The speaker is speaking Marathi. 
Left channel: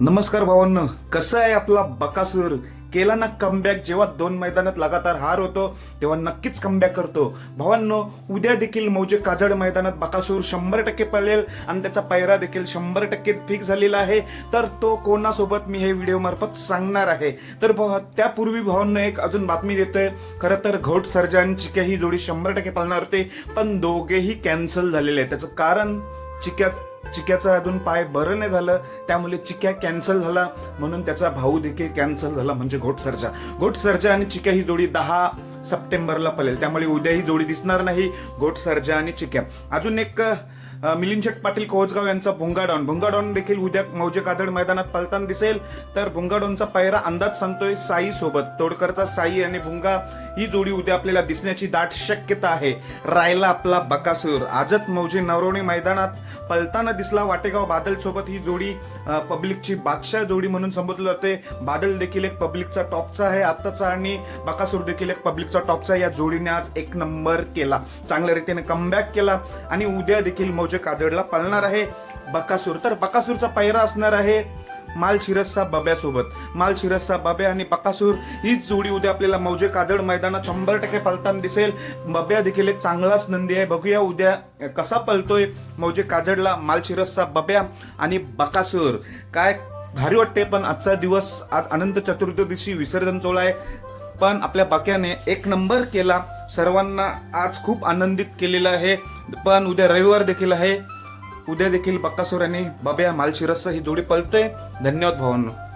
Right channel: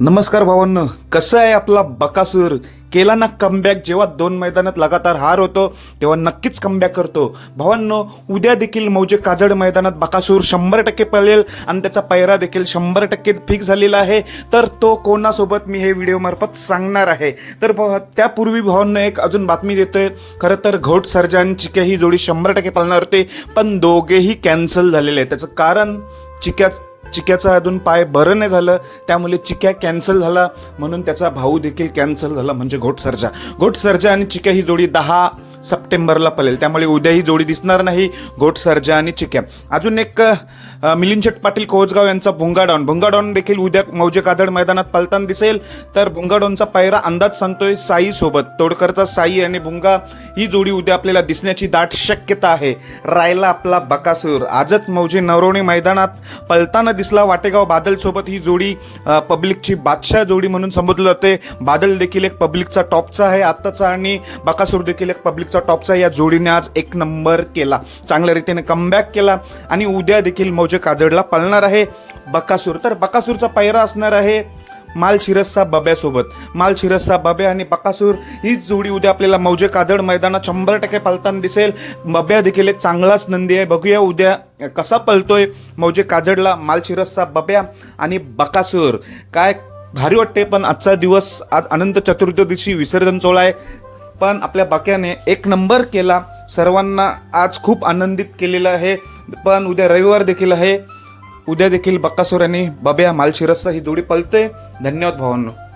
नमस्कार भावांनो कसं आहे आपला बकासूर? केला ना कमबॅक जेव्हा दोन मैदानात लगातार हार होतो तेव्हा नक्कीच कमबॅक करतो. भावांनो उद्या देखील मौजे काजड मैदानात बकासूर शंभर टक्के पळेल आणि त्याचा पैरा देखील शंभर टक्के फिक्स झालेला आहे. तर तो कोणासोबत मी हे व्हिडिओमार्फत सांगणार आहे? तर त्यापूर्वी भावांनो एक अजून बातमी देतोय. खरं तर घोट सर्जन चिक्या ही जोडी शंभर टक्के पळणार होते पण दोघेही कॅन्सल झालेले आहे त्याचं कारण चिक्या चिक्याचा अजून पाय बरं नाही झालं त्यामुळे चिक्या कॅन्सल झाला. म्हणून त्याचा भाऊ देखील कॅन्सल झाला म्हणजे घोट सर्जा घोट सर्जा आणि चिक्या ही जोडी दहा सप्टेंबरला पळेल त्यामुळे उद्या ही जोडी दिसणार नाही घोट सर्जा आणि चिक्या. अजून एक अ, मिलिंद पाटील कोचगाव यांचा भुंगाडॉन. भुंगाडॉन देखील उद्या मौजे कादड मैदानात पलताना दिसेल. तर भुंगाडॉनचा पायरा अंदाज सांगतोय साई सोबत. तोडकरचा साई आणि भुंगा ही जोडी उद्या आपल्याला दिसण्याची दाट शक्यता आहे. रायला आपला बकासूर. आजच मौजे नवरोणे मैदानात पलताना दिसला वाटेगाव बादल सोबत ही जोडी पब्लिकची बादशाह जोडी म्हणून संबोधलं जाते. बादल देखील एक पब्लिकचा टॉपचा आहे. आत्ताचा आणि बकासूर देखील एक पब्लिक पब्लिकचा टॉपचा या जोडीने आज एक नंबर केला. चांगल्या रीतीने कमबॅक केला आणि उद्या देखील मौजे काजडला पळणार आहे. बकासूर. तर बकासूरचा पायरा असणार आहे माल शिरसचा बब्यासोबत. माल शिरसचा बब्या आणि बकासूर हीच जोडी उद्या आपल्याला मौजे काजड मैदानात शंभर टक्के पलताना दिसेल. बब्या देखील एक चांगलाच नंदी आहे. बघूया उद्या कसा पलतोय मौजे काजडला माल शिरसचा बब्या आणि बकासूर. काय भारी वाटते पण आजचा दिवस आज अनंत चतुर्दशी विसर्जन सोहळा आहे. पण आपल्या बाक्याने एक नंबर केला. सर्वांना आज खूप आनंदित केलेलं आहे. पण उद्या रविवार देखील आहे. उद्या देखील बक्कासुर आणि बब्या मालशिरसचा ही जोडी पलते धन्यवाद भावांनो.